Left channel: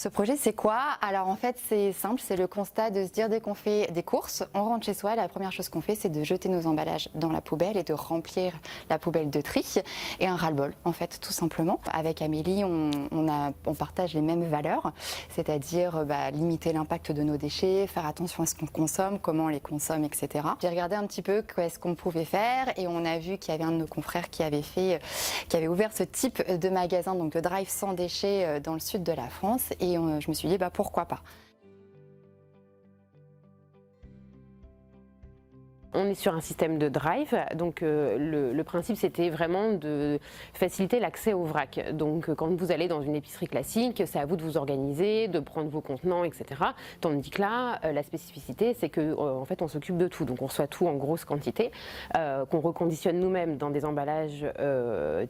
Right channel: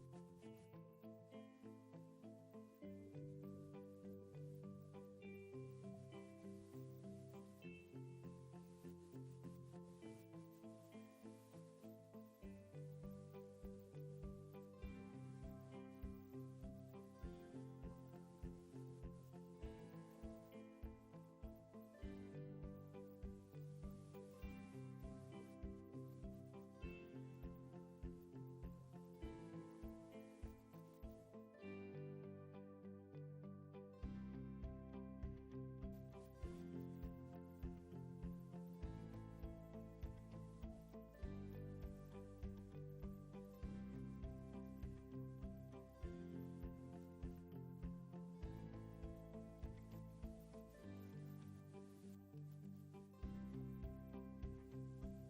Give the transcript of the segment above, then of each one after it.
Ce projet, c'est quoi? Alors en fait, c'est simple, c'est le constat de se dire dès qu'on fait des courses, on rentre chez soi, la première chose qu'on fait, c'est de jeter nos emballages dans la poubelle et de remplir la poubelle de tri et un ras-le-bol, en fait, tout simplement. Avec Amélie, on partage les mêmes valeurs, c'est-à-dire limiter l'impact de nos déchets, faire attention à ce qu'on consomme, comment on les consomme, etc. J'ai regardé un petit peu qu'est-ce qu'on pouvait faire et on a vu qu'il y avait un de nos confrères qui avait ouvert ce type de magasin, donc de drive sans déchets dans le sud de la France. Et je me suis dit, pourquoi pas. On est sur un système de drive, donc le principe c'était vraiment de faciliter l'accès au vrac. Donc quand vous allez dans une épicerie classique, c'est à vous de vous organiser, de prendre vos contenants, etc. Tandis que là, la spécificité c'est que en fait on s'occupe de tout, donc on reçoit tout en grosse quantité, qu'on reconditionne nous-mêmes dans des emballages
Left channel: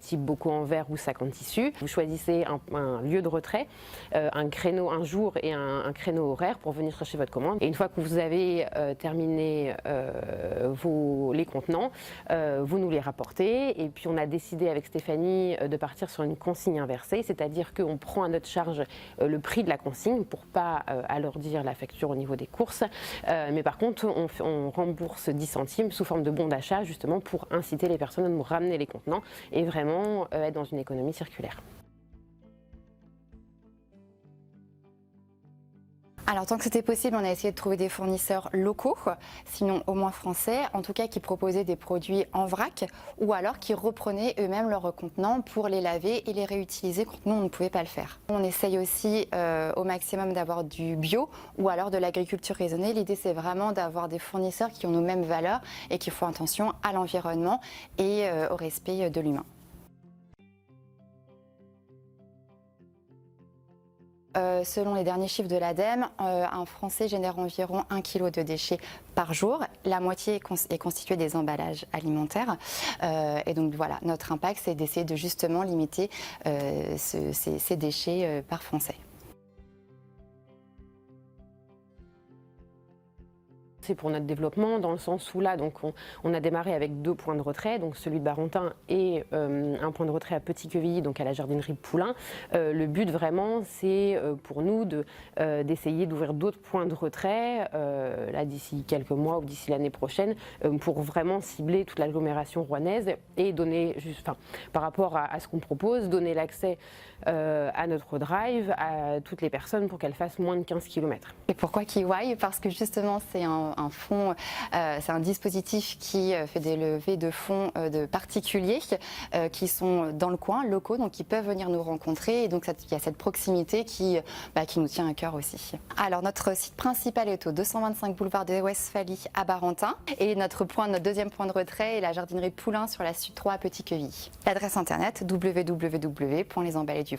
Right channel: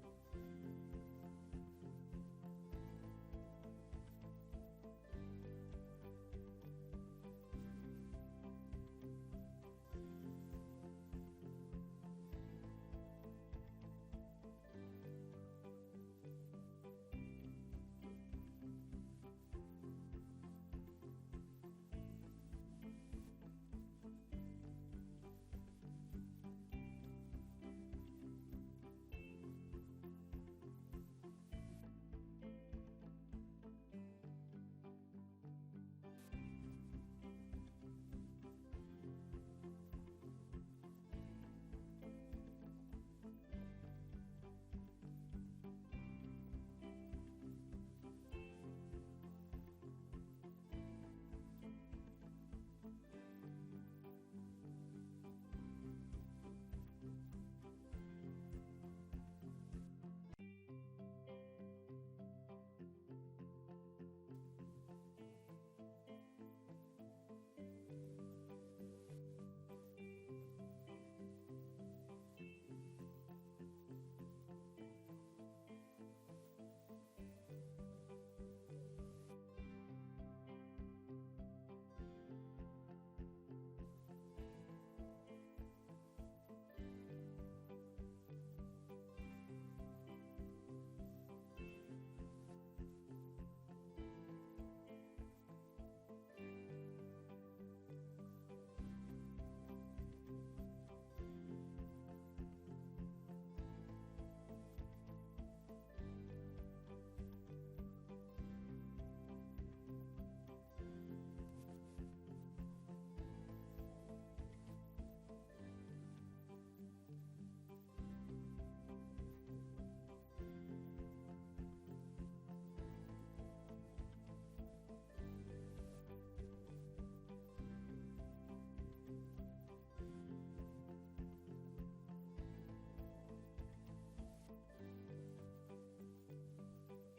type bocaux en verre ou sacs en tissu. Vous choisissez un lieu de retrait, un créneau, un jour et un créneau horaire pour venir chercher votre commande. Et une fois que vous avez terminé les contenants, vous nous les rapportez et puis on a décidé avec Stéphanie de partir sur une consigne inversée, c'est-à-dire qu'on prend à notre charge le prix de la consigne pour pas alourdir la facture au niveau des courses, mais par contre on rembourse 10 centimes sous forme de bon d'achat justement pour inciter les personnes à nous ramener les contenants et vraiment être dans une économie circulaire. Alors tant que c'était possible, on a essayé de trouver des fournisseurs locaux, sinon au moins français, en tout cas qui proposaient des produits en vrac ou alors qui reprenaient eux-mêmes leurs contenants pour les laver et les réutiliser quand nous on ne pouvait pas le faire. On essaye aussi au maximum d'avoir du bio ou alors de l'agriculture raisonnée. L'idée c'est vraiment d'avoir des fournisseurs qui ont nos mêmes valeurs et qui font attention à l'environnement et au respect de l'humain. Selon les derniers chiffres de l'ADEME, un Français génère environ 1 kg de déchets par jour. La moitié est constituée des emballages alimentaires. Et donc voilà, notre impact, c'est d'essayer de justement limiter ces déchets par Français. C'est pour notre développement dans le sens où là donc on a démarré avec 2 points de retrait, donc celui de Barentin et un point de retrait à Petit-Quevilly, donc à la jardinerie de Poulain. Le but vraiment c'est pour nous d'essayer d'ouvrir d'autres points de retrait là d'ici quelques mois ou d'ici l'année prochaine pour vraiment cibler toute l'agglomération rouennaise et donner par rapport à ce qu'on propose, donner l'accès à notre drive à toutes les personnes pour qu'elles fassent moins de 15 km. Et pourquoi Kiwai? Parce que justement c'est un fonds, c'est un dispositif qui fait des levées de fonds de particuliers qui sont dans le coin, locaux, donc qui peuvent venir nous rencontrer et donc il y a cette proximité qui nous tient à cœur aussi. Alors notre site principal est au 225 boulevard de Westphalie à Barentin et notre deuxième point de retrait est la jardinerie Poulain sur la Sud 3 à Petit-Quevilly. L'adresse internet www.lesemballeduvrac.fr.